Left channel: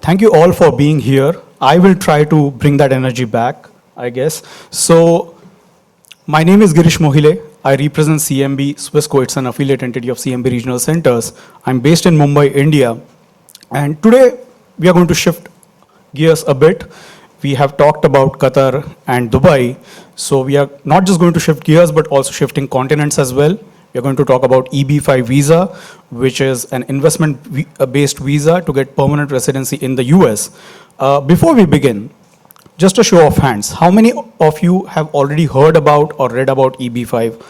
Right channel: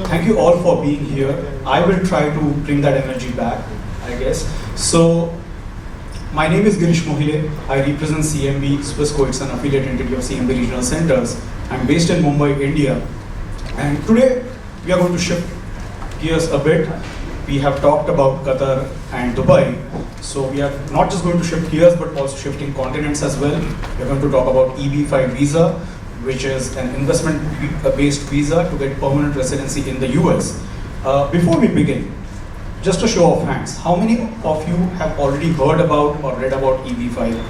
Thank you all for being here. I will try to bring that energy back, I guess. So, my name is Girish Mohile. I represent CMB, Swissco. It's an affiliate entity of CMB Regional Centers. I'm based in Mumbai, India. And today, we are going to shift gears a bit. We have talked about Qatar and Dubai. So we are not just going to shift gears, but also shifting continents as well. We are going to talk about EB5 visa, which is an investment-based visa to get permanent residency in the US. Before we begin, just a show of hands, how many of you have already heard about or read about EB5?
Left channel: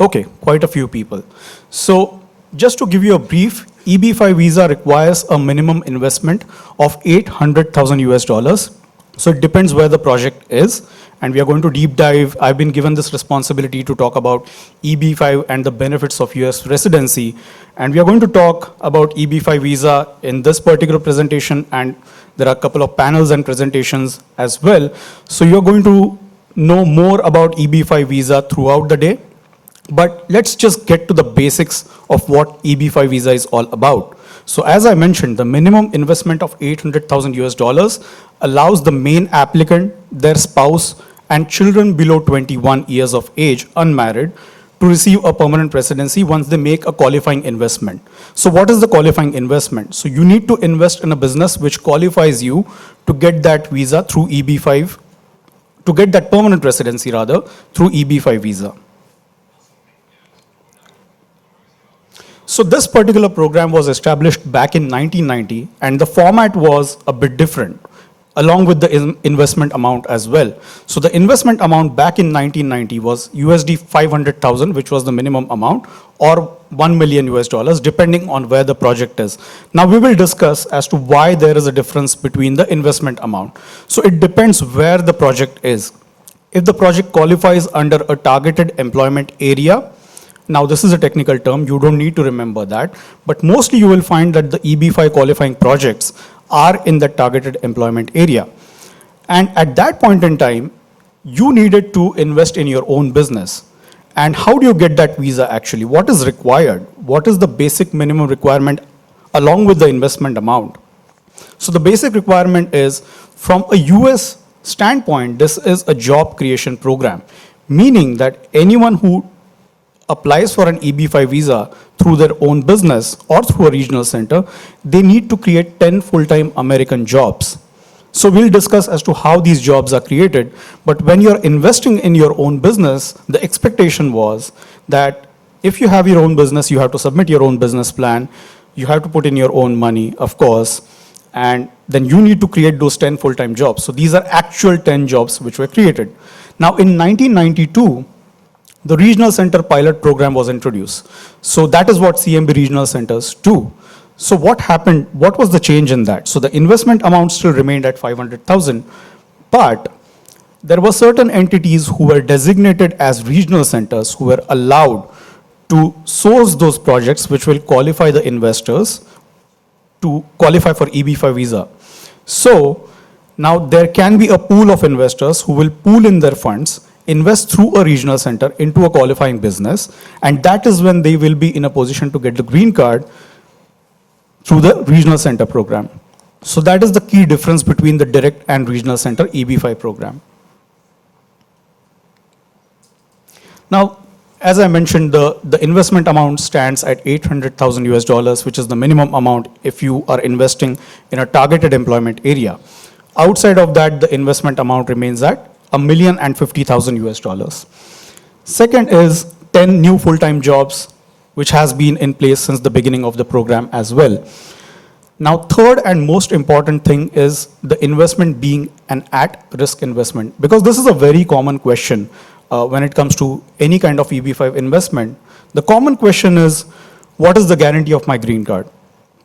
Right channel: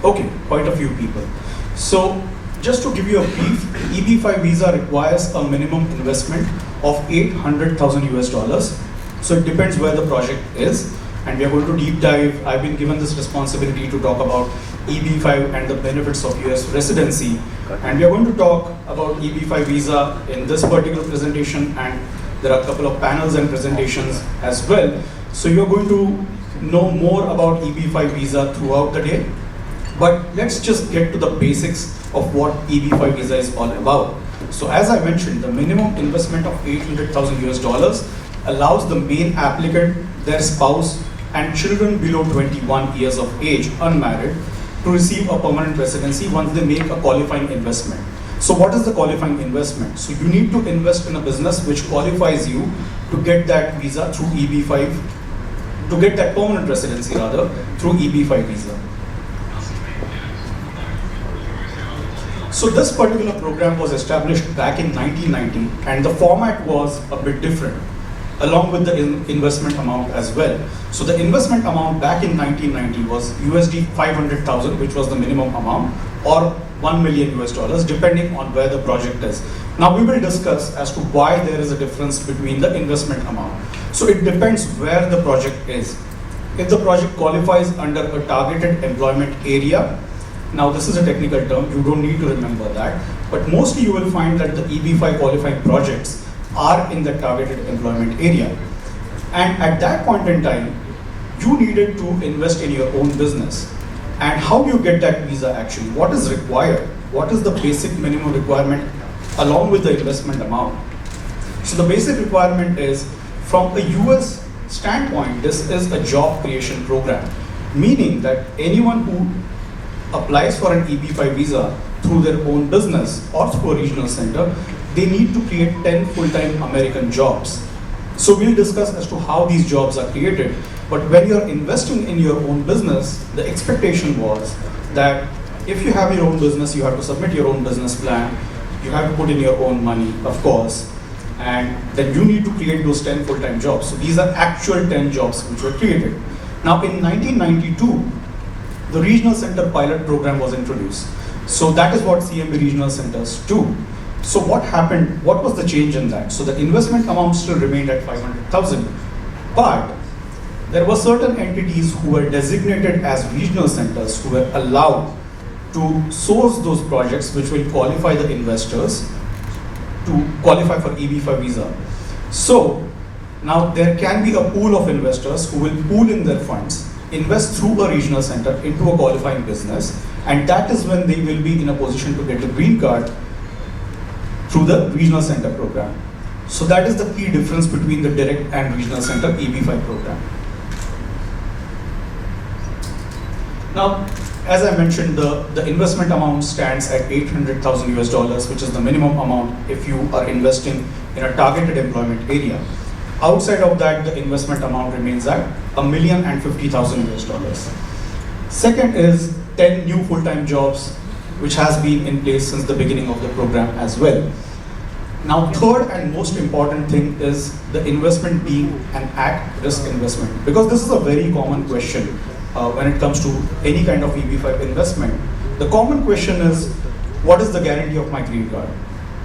Okay, quite a few people. So just to give you a brief, EB5 visa requires a minimum investment of 800,000 US dollars. So it depends where the project is, and we are going to deep dive. I've been given this responsibility to talk about EB5 and the benefits of US residency, and we are going to talk about EB5 visa in this particular presentation, and there are a couple of panels and presentations as well. So you're going to know more about EB5 visa throughout the day, but let's just get to the basics of what EB5 visa is all about. So as I mentioned, the minimum investment of 800,000 US dollars allows the main applicant, their spouse, and children below 21 years of age, unmarried, to receive a permanent residency once they make a qualifying investment. So what is the qualifying investment? So you need to invest in a business which qualifies you to get that visa through EB5, to get that permanent residency rather, through EB5 visa. So this particular program was established back in 1990, and the format was a bit different, along with the investment amount as well. So the investment amount back in 1990 was USD 500,000, which was the minimum amount, or 1 million US dollars, depending on where the project is. Now we will discuss as to why there is a difference between the investment amount. So it depends where the project is. If the project qualifies under a targeted employment area, now this is a technical term, you don't need to remember that, but mostly you will find that the EB5 qualifying projects are in the targeted employment area. And at that point in time, you needed to invest in your own business. And how do you get that visa actually? What is required? What is the basic minimum requirement along with the investment amount? So the basic requirement is, from a US standpoint, this is a job creation program, meaning that anyone who applies for an EB5 visa through their own business or through a regional center, they need to create 10 full-time American jobs. So we'll discuss as to how these jobs are created. But when you're investing in your own business, the expectation was that if you have your own business, you have to submit your own business plan, you have to put in your own money, of course, and then you need to create those 10 full-time jobs. So these are actual 10 jobs which were created. Now in 1992, the regional center pilot program was introduced. So that is what CMB regional centers do. So what happened, what was the change in that? So the investment amount still remained at 500,000, but there were certain entities who were designated as regional centers who were allowed to source those projects which will qualify the investors to qualify for EB5 visa. So now there can be a pool of investors who will pool in their funds, invest through a regional center into a qualifying business, and that is when they will be in a position to get the green card through the regional center program. So that is the key difference between the direct and regional center EB5 program. Now, as I mentioned, the investment amount stands at 800,000 US dollars, which is the minimum amount if you are investing in a targeted employment area. Outside of that, the investment amount remains at 1,050,000 US dollars. Second is 10 new full-time jobs, which has been in place since the beginning of the program as well. Now, third and most important thing is the investment being an at-risk investment, because this is a very common question when it comes to any kind of EB5 investment. The common question is, what is the guarantee of my green card?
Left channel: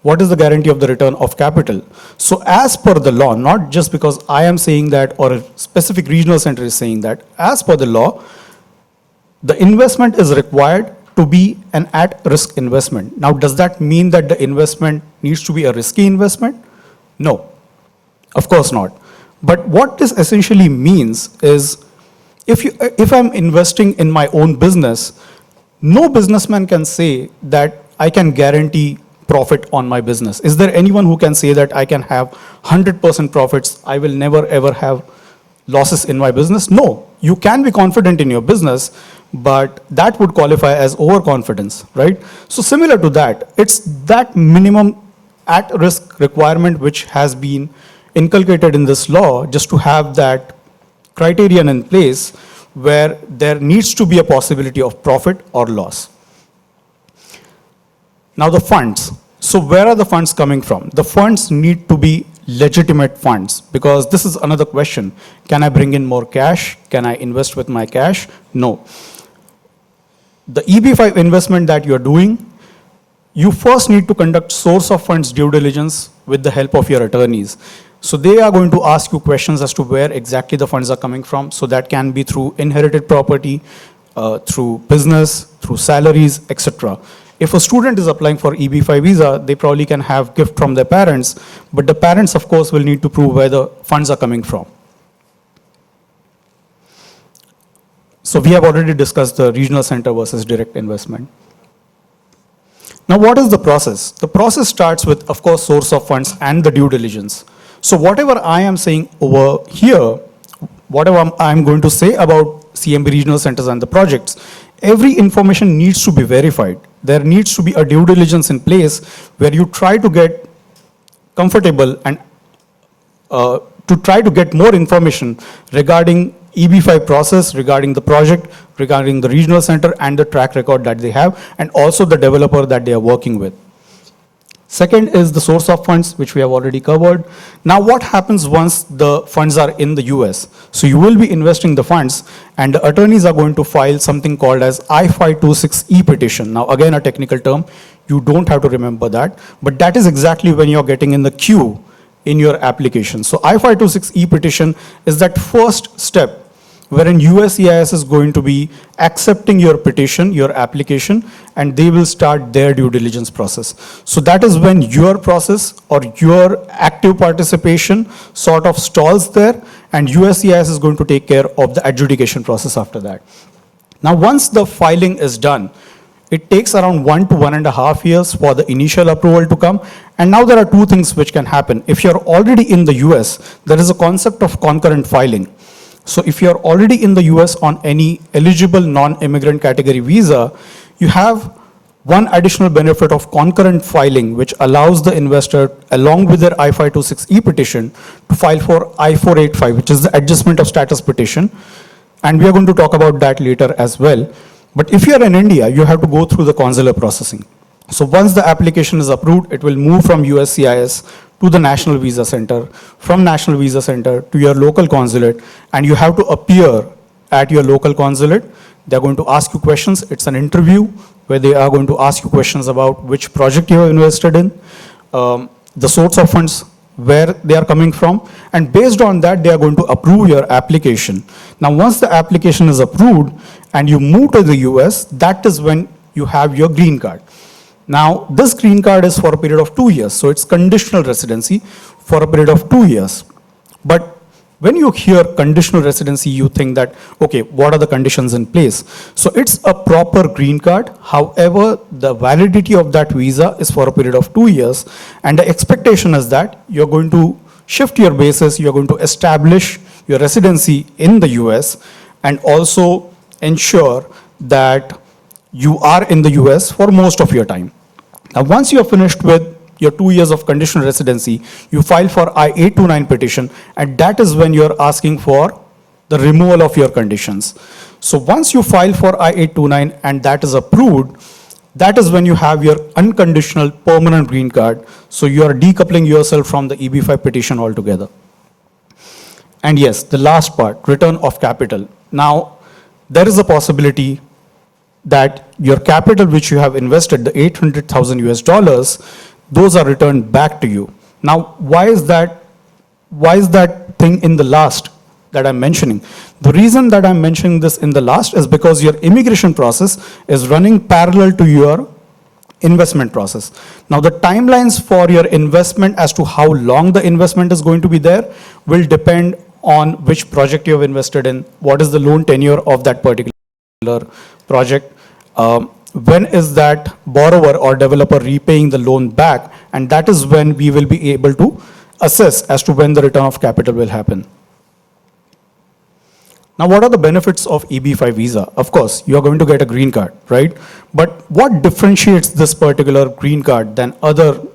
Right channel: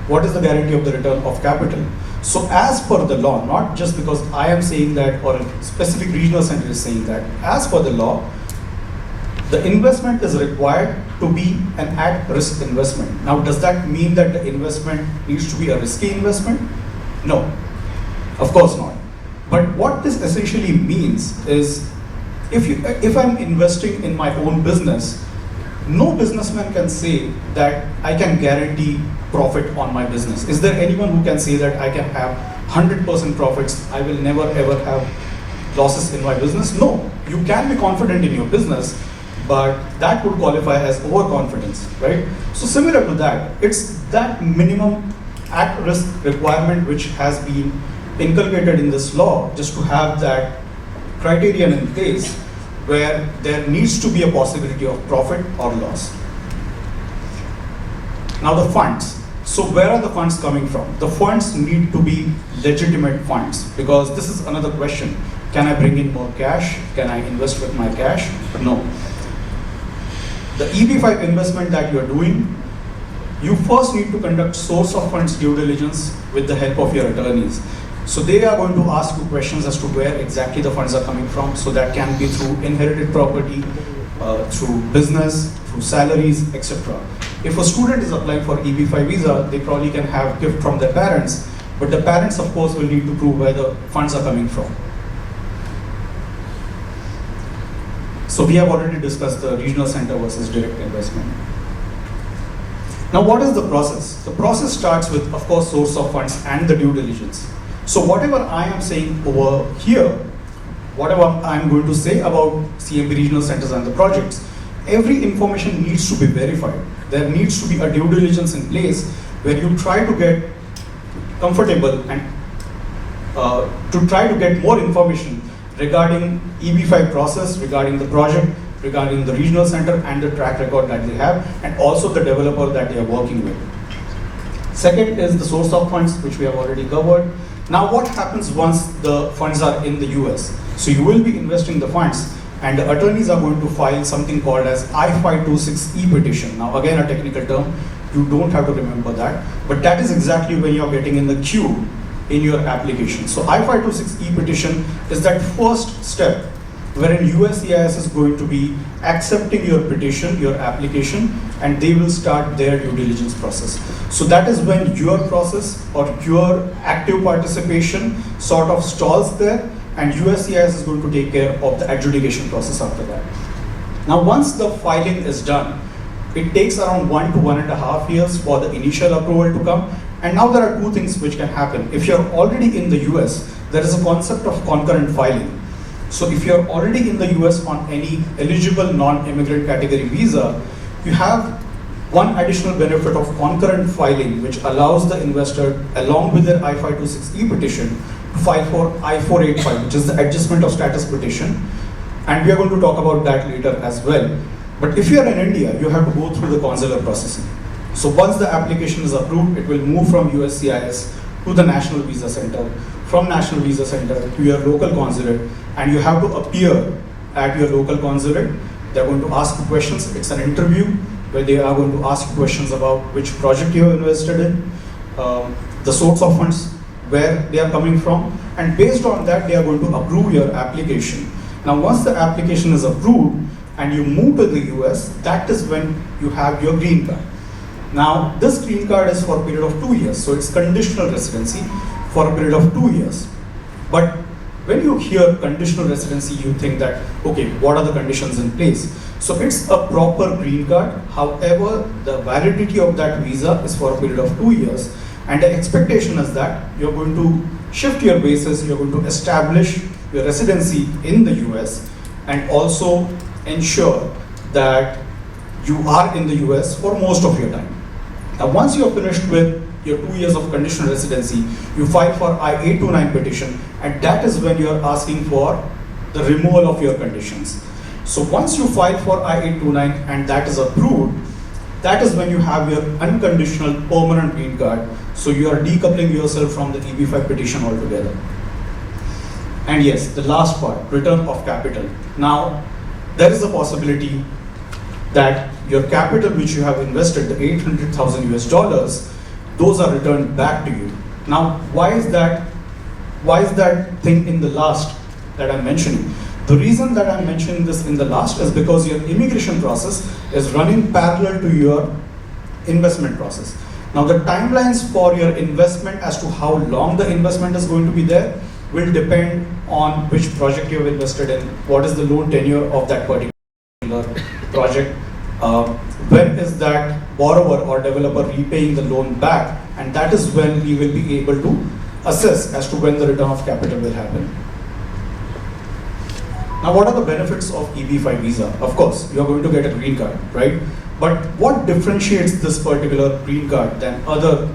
What is the guarantee of the return of capital? So as per the law, not just because I am saying that or a specific regional center is saying that, as per the law, the investment is required to be an at-risk investment. Now, does that mean that the investment needs to be a risky investment? No, of course not. But what this essentially means is, if I'm investing in my own business, no businessman can say that I can guarantee profit on my business? Is there anyone who can say that I can have 100% profits, I will never ever have losses in my business? No, you can be confident in your business, but that would qualify as overconfidence, right? So similar to that, it's that minimum at-risk requirement which has been inculcated in this law just to have that criterion in place where there needs to be a possibility of profit or loss. Now the funds. So where are the funds coming from? The funds need to be legitimate funds, because this is another question. Can I bring in more cash? Can I invest with my cash? No. The EB5 investment that you're doing, you first need to conduct source of funds due diligence with the help of your attorneys. So they are going to ask you questions as to where exactly the funds are coming from. So that can be through inherited property, through business, through salaries, etc. If a student is applying for EB5 visa, they probably can have gift from their parents, but the parents, of course, will need to prove where the funds are coming from. So we have already discussed the regional center versus direct investment. Now, what is the process? The process starts with, of course, source of funds and the due diligence. So whatever I am saying over here, whatever I'm going to say about CMB regional centers and the projects, every information needs to be verified. There needs to be a due diligence in place where you try to get comfortable and to try to get more information regarding EB5 process, regarding the project, regarding the regional center and the track record that they have, and also the developer that they are working with. Second is the source of funds, which we have already covered. Now what happens once the funds are in the US? So you will be investing the funds, and the attorneys are going to file something called as I-526E petition. Now again, a technical term, you don't have to remember that, but that is exactly when you're getting in the queue in your application. So I-526E petition is that first step wherein USCIS is going to be accepting your petition, your application, and they will start their due diligence process. So that is when your process or your active participation sort of stalls there, and USCIS is going to take care of the adjudication process after that. Now, once the filing is done, it takes around 1 to 1.5 years for the initial approval to come. And now there are two things which can happen. If you're already in the US, there is a concept of concurrent filing. So if you're already in the US on any eligible non-immigrant category visa, you have one additional benefit of concurrent filing, which allows the investor, along with their I-526E petition, to file for I-485, which is the adjustment of status petition. And we are going to talk about that later as well. But if you're in India, you have to go through the consular processing. So once the application is approved, it will move from USCIS to the National Visa Center, from National Visa Center to your local consulate, and you have to appear at your local consulate. They're going to ask you questions. It's an interview where they are going to ask you questions about which project you have invested in, the source of funds, where they are coming from, and based on that, they are going to approve your application. Now, once the application is approved and you move to the US, that is when you have your green card. Now, this green card is for a period of 2 years, so it's conditional residency for a period of 2 years. But when you hear conditional residency, you think that, okay, what are the conditions in place? So it's a proper green card. However, the validity of that visa is for a period of 2 years. And the expectation is that you're going to shift your basis, you're going to establish your residency in the US, and also ensure that you are in the US for most of your time. Now, once you're finished with your 2 years of conditional residency, you file for I-829 petition, and that is when you're asking for the removal of your conditions. So once you file for I-829 and that is approved, that is when you have your unconditional permanent green card. So you are decoupling yourself from the EB5 petition altogether. And yes, the last part, return of capital. Now, there is a possibility that your capital which you have invested, the 800,000 US dollars, those are returned back to you. Now, why is that thing in the last that I'm mentioning? The reason that I'm mentioning this in the last is because your immigration process is running parallel to your investment process. Now, the timelines for your investment as to how long the investment is going to be there will depend on which project you have invested in, what is the loan tenure of that particular project, when is that borrower or developer repaying the loan back, and that is when we will be able to assess as to when the return of capital will happen. Now, what are the benefits of EB5 visa? Of course, you are going to get a green card, right? But what differentiates this particular green card than other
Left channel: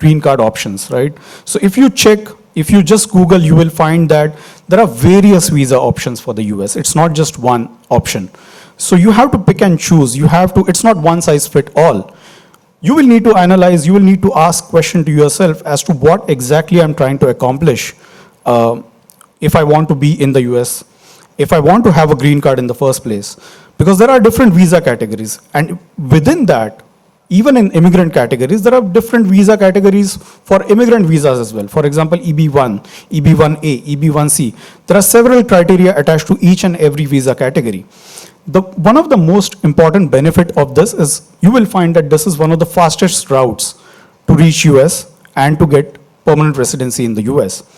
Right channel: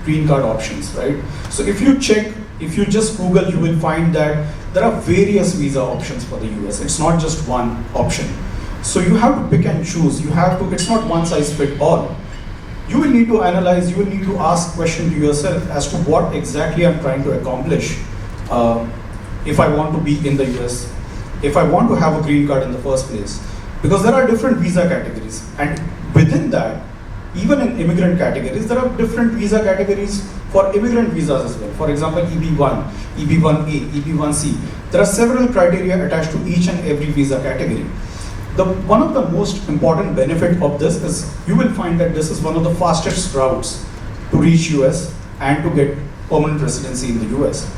green card options, right? So if you check, if you just Google, you will find that there are various visa options for the US. It's not just one option. So you have to pick and choose. You have to, it's not one size fit all. You will need to analyze, you will need to ask question to yourself as to what exactly I'm trying to accomplish if I want to be in the US, if I want to have a green card in the first place. Because there are different visa categories, and within that, even in immigrant categories, there are different visa categories for immigrant visas as well. For example, EB1, EB1A, EB1C. There are several criteria attached to each and every visa category. One of the most important benefit of this is you will find that this is one of the fastest routes to reach US and to get permanent residency in the US.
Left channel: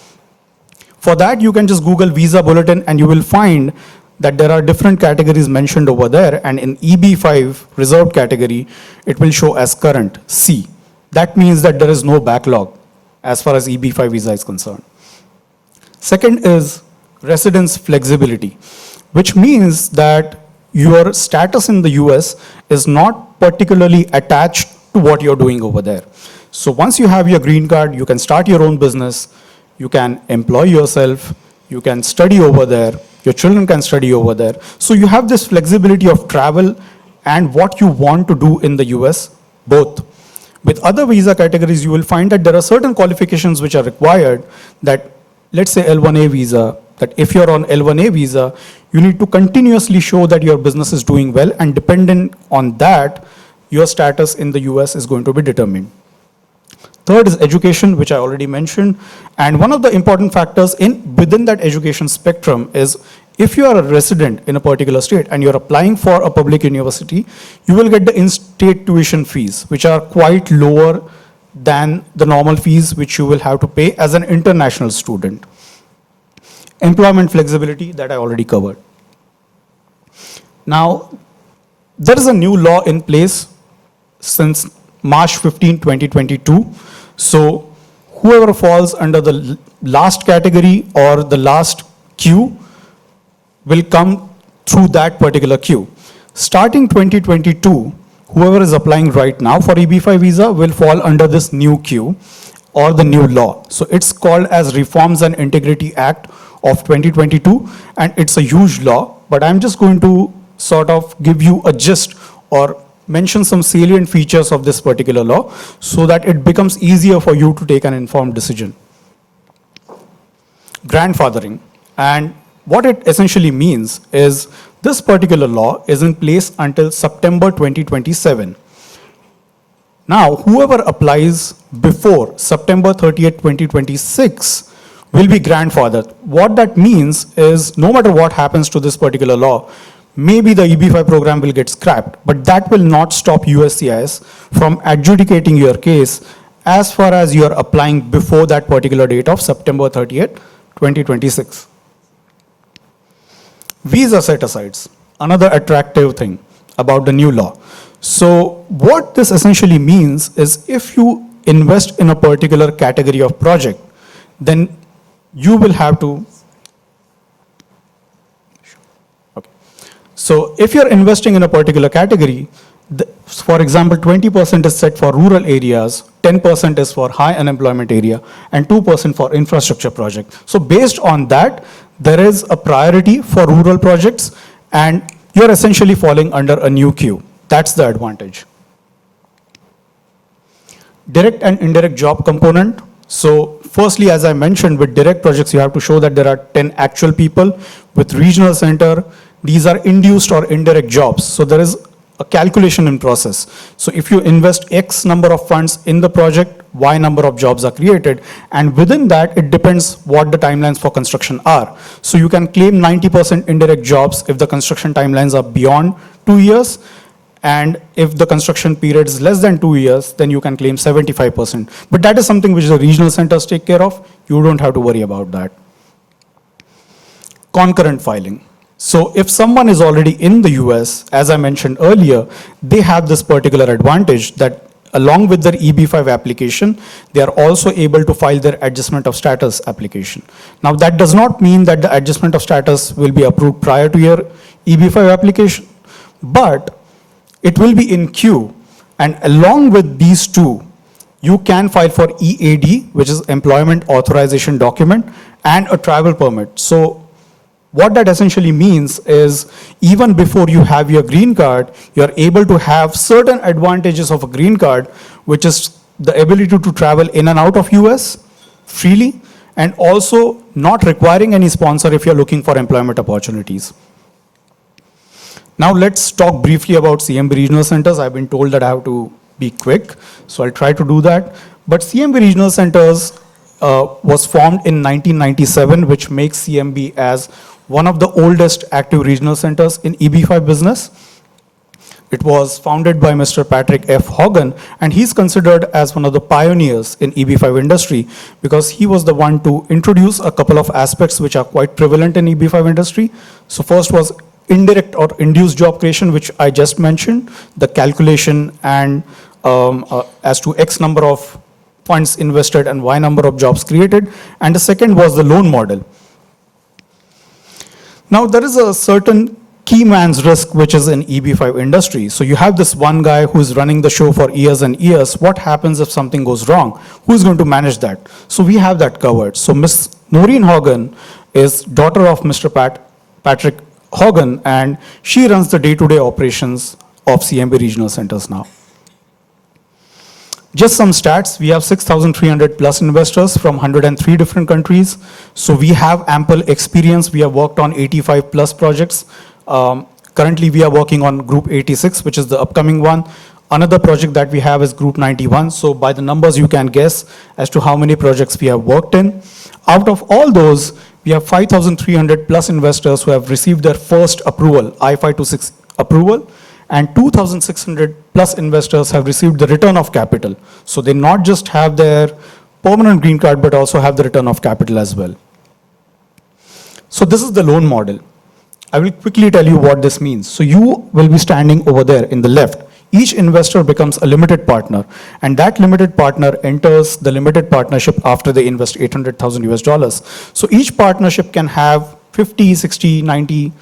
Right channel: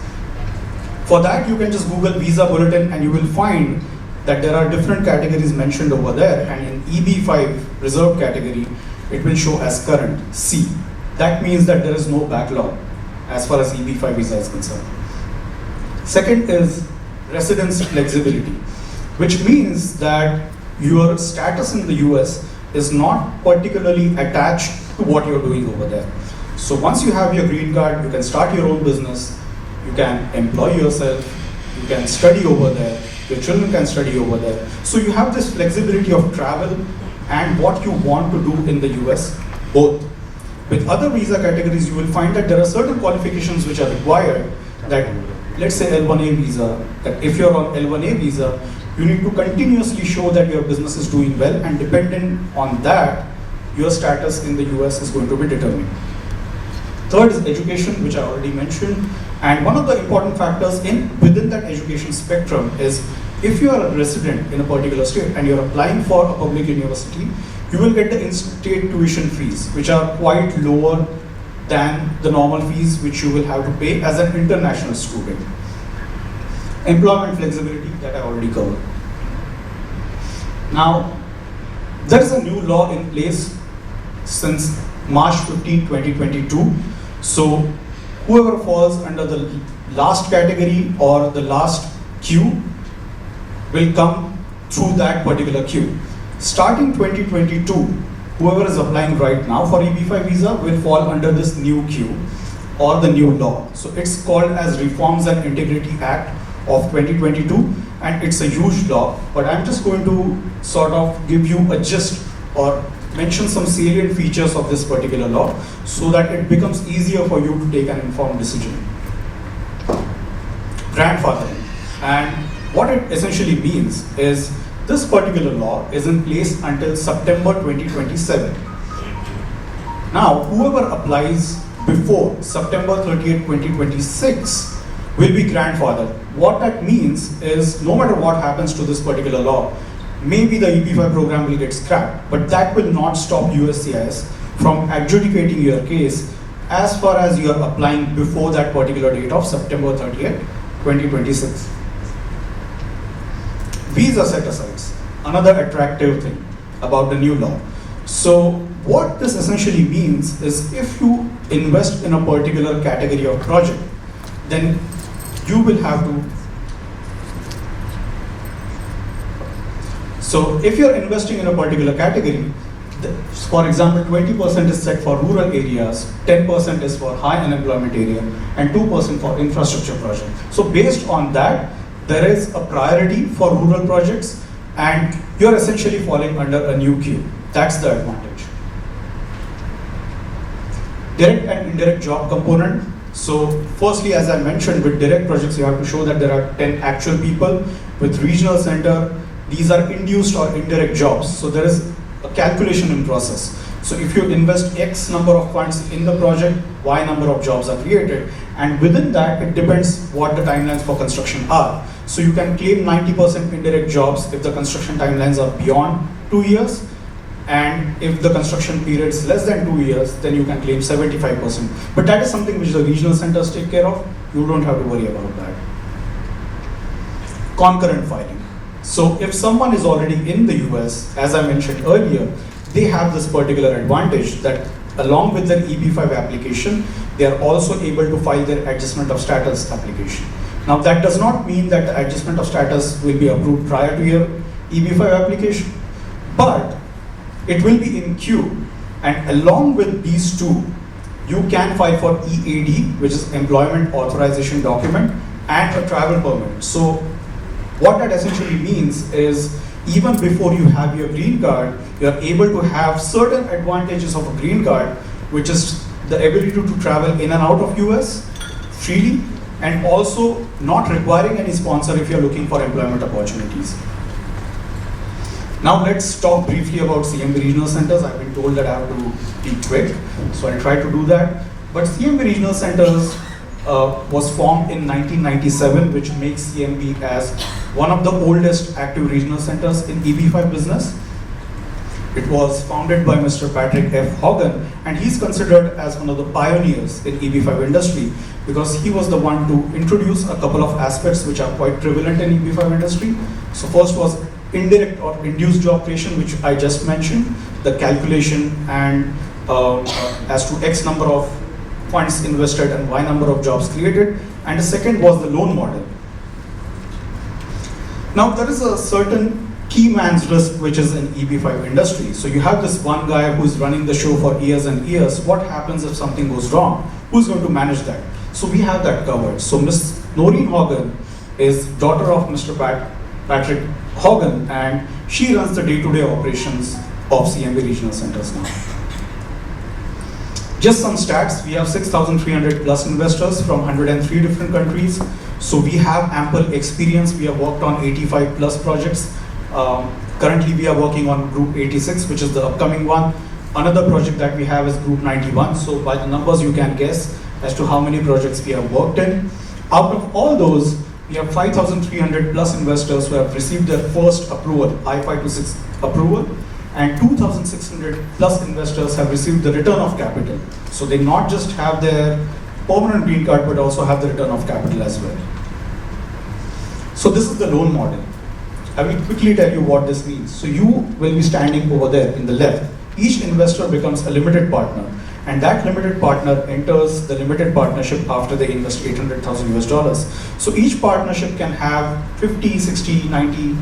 For that, you can just Google visa bulletin and you will find that there are different categories mentioned over there, and in EB5 reserved category, it will show as current C. That means that there is no backlog as far as EB5 visa is concerned. Second is residence flexibility, which means that your status in the US is not particularly attached to what you're doing over there. So once you have your green card, you can start your own business, you can employ yourself, you can study over there, your children can study over there. So you have this flexibility of travel and what you want to do in the US, both. With other visa categories, you will find that there are certain qualifications which are required, that let's say L1A visa, that if you're on L1A visa, you need to continuously show that your business is doing well, and dependent on that, your status in the US is going to be determined. Third is education, which I already mentioned. And one of the important factors within that education spectrum is if you are a resident in a particular state and you're applying for a public university, you will get the in-state tuition fees, which are quite lower than the normal fees which you will have to pay as an international student. Employment flexibility, that I already covered. Now, there is a new law in place since March 15, 2022. So whoever falls under the last category or the last queue will come through that particular queue. Starting 2022, whoever is applying right now for EB5 visa will fall under this new queue or the new law. So it's called as Reforms and Integrity Act of 2022, and it's a huge law, but I'm just going to sort of give you a gist or mention some salient features of this particular law so that it becomes easier for you to take an informed decision. Grandfathering, and what it essentially means is this particular law is in place until September 2027. Now, whoever applies before September 30th, 2026 will be grandfathered. What that means is no matter what happens to this particular law, maybe the EB5 program will get scrapped, but that will not stop USCIS from adjudicating your case as far as you are applying before that particular date of September 30th, 2026. Visa set-asides, another attractive thing about the new law. So what this essentially means is if you invest in a particular category of project, then you will have to. So if you're investing in a particular category, for example, 20% is set for rural areas, 10% is for high unemployment area, and 2% for infrastructure project. So based on that, there is a priority for rural projects, and you're essentially falling under a new queue. That's the advantage. Direct and indirect job component. So firstly, as I mentioned, with direct projects, you have to show that there are 10 actual people. With regional center, these are induced or indirect jobs. So there is a calculation in process. So if you invest X number of funds in the project, Y number of jobs are created. And within that, it depends what the timelines for construction are. So you can claim 90% indirect jobs if the construction timelines are beyond 2 years. And if the construction period is less than 2 years, then you can claim 75%. But that is something which the regional centers take care of. You don't have to worry about that. Concurrent filing. So if someone is already in the US, as I mentioned earlier, they have this particular advantage that along with their EB5 application, they are also able to file their adjustment of status application. Now that does not mean that the adjustment of status will be approved prior to your EB5 application, but it will be in queue, and along with these two, you can file for EAD, which is Employment Authorization Document, and a travel permit. So what that essentially means is even before you have your green card, you are able to have certain advantages of a green card, which is the ability to travel in and out of US freely, and also not requiring any sponsor if you're looking for employment opportunities. Now let's talk briefly about CMB regional centers. I've been told that I have to be quick, so I'll try to do that. But CMB regional centers was formed in 1997, which makes CMB as one of the oldest active regional centers in EB5 business. It was founded by Mr. Patrick F. Hogan, and he's considered as one of the pioneers in EB5 industry because he was the one to introduce a couple of aspects which are quite prevalent in EB5 industry. So first was indirect or induced job creation, which I just mentioned, the calculation and as to X number of funds invested and Y number of jobs created. And the second was the loan model. Now there is a certain key man's risk which is in EB5 industry. So you have this one guy who's running the show for years and years. What happens if something goes wrong? Who's going to manage that? So we have that covered. So Ms. Noreen Hogan is daughter of Mr. Patrick Hogan, and she runs the day-to-day operations of CMB regional centers now. Just some stats, we have 6,300 plus investors from 103 different countries. So we have ample experience. We have worked on 85 plus projects. Currently we are working on Group 86, which is the upcoming one. Another project that we have is Group 91. So by the numbers you can guess as to how many projects we have worked in. Out of all those, we have 5,300 plus investors who have received their first approval, I-526 approval, and 2,600 plus investors have received the return of capital. So they not just have their permanent green card, but also have the return of capital as well. So this is the loan model. I will quickly tell you what this means. So you will be standing over there in the left. Each investor becomes a limited partner, and that limited partner enters the limited partnership after they invest 800,000 US dollars. So each partnership can have 50, 60, 90,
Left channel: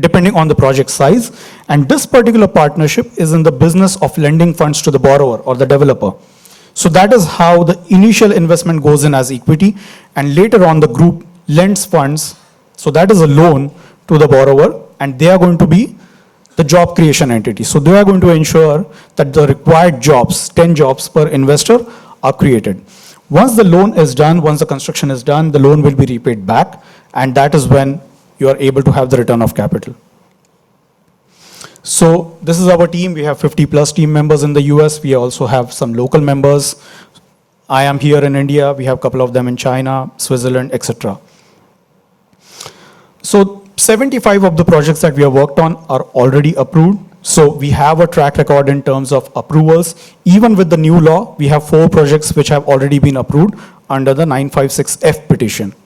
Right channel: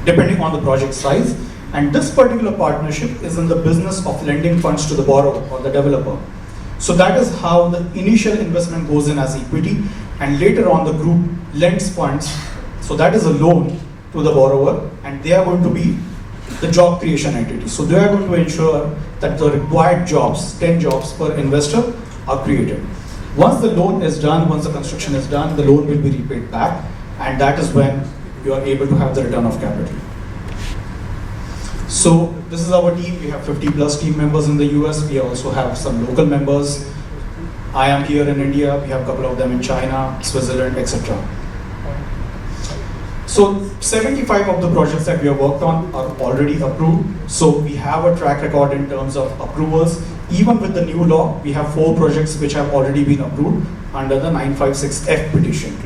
depending on the project size. And this particular partnership is in the business of lending funds to the borrower or the developer. So that is how the initial investment goes in as equity, and later on the group lends funds. So that is a loan to the borrower, and they are going to be the job creation entity. So they are going to ensure that the required jobs, 10 jobs per investor, are created. Once the loan is done, once the construction is done, the loan will be repaid back, and that is when you are able to have the return of capital. So this is our team. We have 50 plus team members in the US. We also have some local members. I am here in India. We have a couple of them in China, Switzerland, etc. So 75 of the projects that we have worked on are already approved. So we have a track record in terms of approvals. Even with the new law, we have 4 projects which have already been approved under the 956F petition.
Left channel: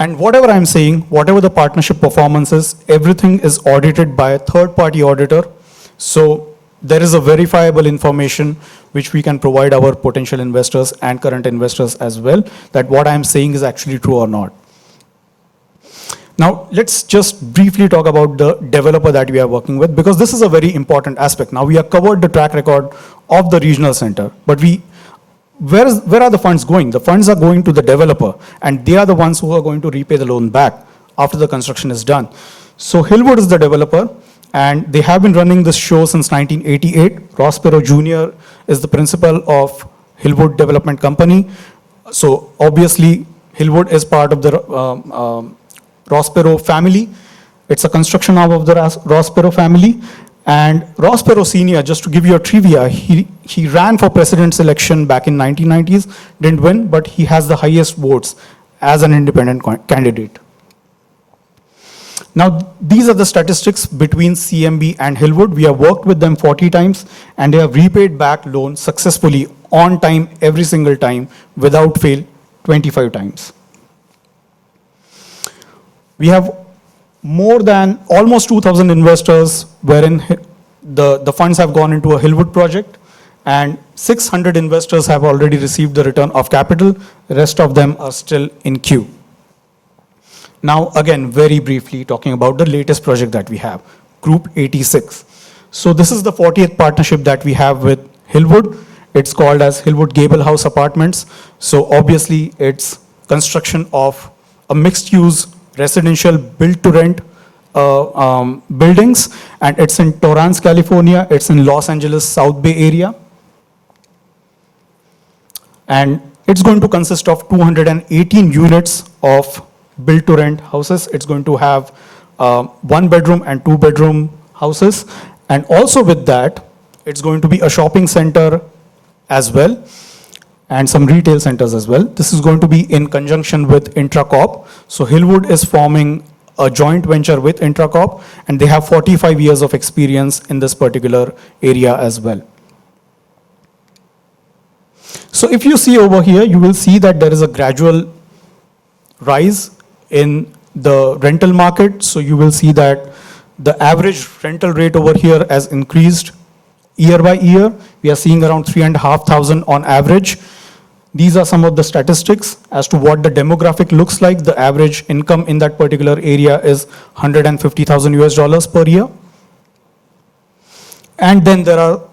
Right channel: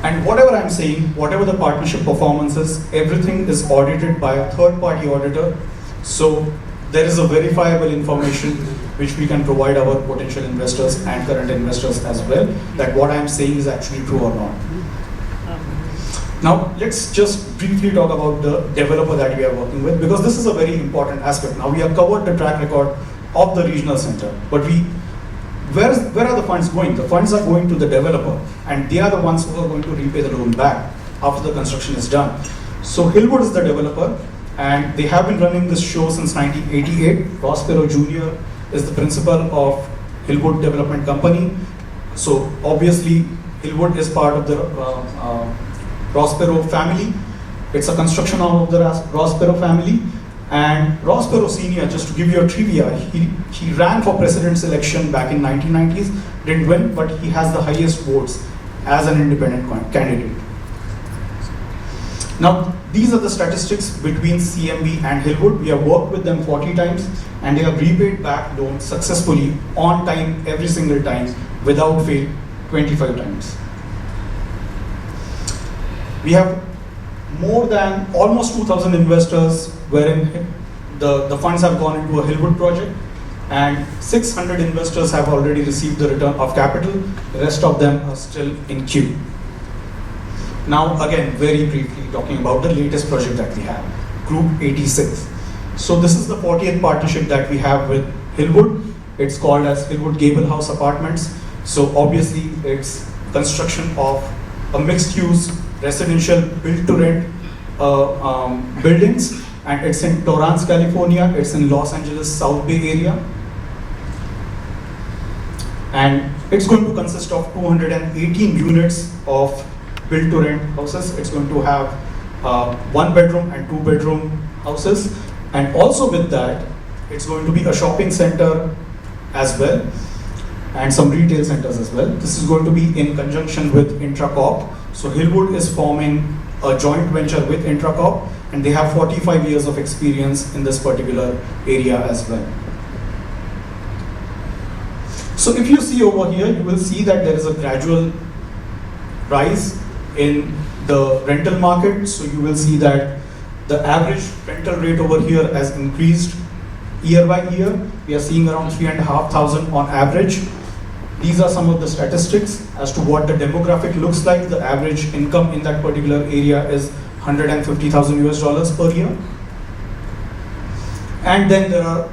And whatever I'm saying, whatever the partnership performance is, everything is audited by a third-party auditor. So there is a verifiable information which we can provide our potential investors and current investors as well, that what I'm saying is actually true or not. Now, let's just briefly talk about the developer that we are working with, because this is a very important aspect. Now, we have covered the track record of the regional center, but where are the funds going? The funds are going to the developer, and they are the ones who are going to repay the loan back after the construction is done. So Hillwood is the developer, and they have been running this show since 1988. Prospero Jr. is the principal of Hillwood Development Company. So obviously, Hillwood is part of the Prospero family. It's a construction arm of the Prospero family. And Prospero Senior, just to give you a trivia, he ran for president's election back in 1990s, didn't win, but he has the highest votes as an independent candidate. Now, these are the statistics between CMB and Hillwood. We have worked with them 40 times, and they have repaid back loans successfully on time, every single time, without fail, 25 times. We have more than almost 2,000 investors wherein the funds have gone into a Hillwood project, and 600 investors have already received the return of capital. The rest of them are still in queue. Now, again, very briefly talking about the latest project that we have, Group 86. So this is the 40th partnership that we have with Hillwood. It's called as Hillwood Gable House Apartments. So obviously, it's construction of a mixed-use residential built-to-rent buildings, and it's in Torrance, California. It's in Los Angeles, South Bay area. And it's going to consist of 218 units of built-to-rent houses. It's going to have 1-bedroom and 2-bedroom houses. And also with that, it's going to be a shopping center as well, and some retail centers as well. This is going to be in conjunction with Intracorp. So Hillwood is forming a joint venture with Intracorp, and they have 45 years of experience in this particular area as well. So if you see over here, you will see that there is a gradual rise in the rental market. So you will see that the average rental rate over here has increased year by year. We are seeing around 3,500 on average. These are some of the statistics as to what the demographic looks like. The average income in that particular area is $150,000 per year. And then there are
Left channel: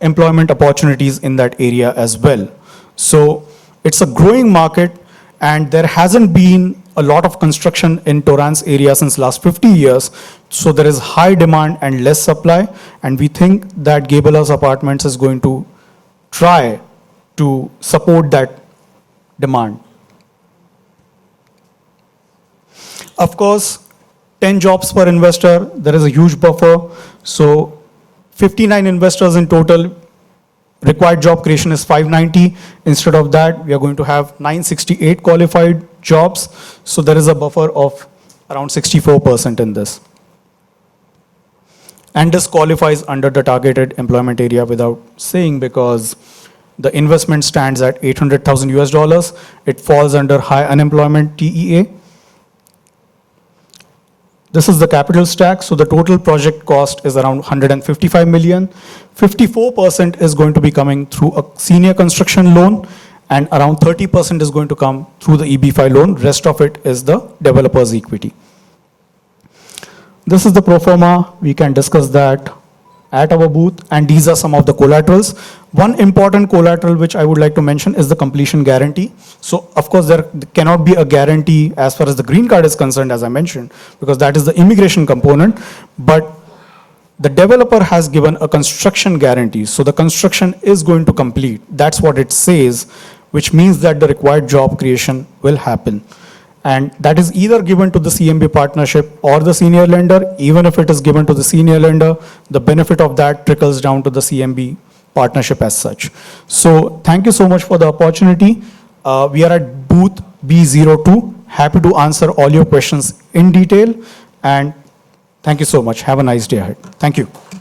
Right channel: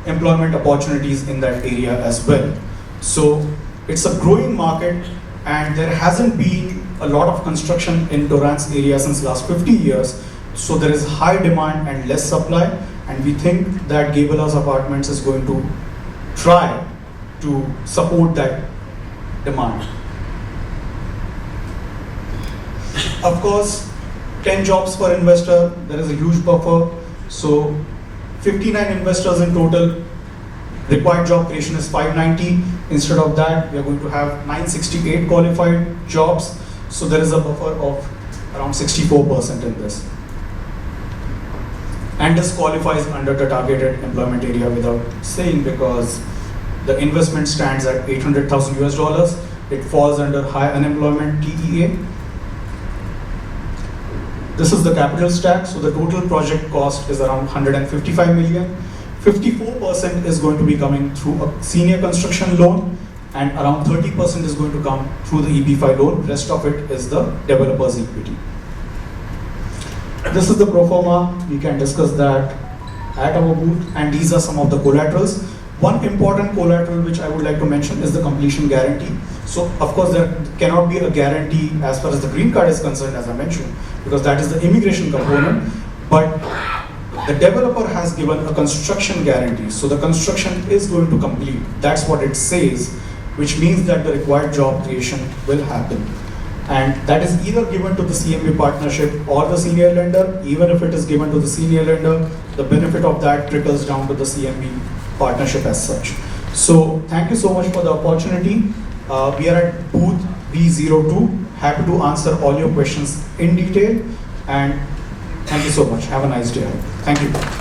employment opportunities in that area as well. So it's a growing market, and there hasn't been a lot of construction in Torrance area since last 50 years. So there is high demand and less supply, and we think that Gable House Apartments is going to try to support that demand. Of course, 10 jobs per investor, there is a huge buffer. So 59 investors in total, required job creation is 590. Instead of that, we are going to have 968 qualified jobs. So there is a buffer of around 64% in this. And this qualifies under the targeted employment area without saying, because the investment stands at $800,000. It falls under high unemployment TEA. This is the capital stack. So the total project cost is around 155 million. 54% is going to be coming through a senior construction loan, and around 30% is going to come through the EB5 loan. Rest of it is the developer's equity. This is the pro forma. We can discuss that at our booth, and these are some of the collaterals. One important collateral which I would like to mention is the completion guarantee. So of course there cannot be a guarantee as far as the green card is concerned, as I mentioned, because that is the immigration component, but the developer has given a construction guarantee. So the construction is going to complete. That's what it says, which means that the required job creation will happen. And that is either given to the CMB partnership or the senior lender. Even if it is given to the senior lender, the benefit of that trickles down to the CMB partnership as such. So thank you so much for the opportunity. We are at booth B02. Happy to answer all your questions in detail. And thank you so much. Have a nice day ahead. Thank you.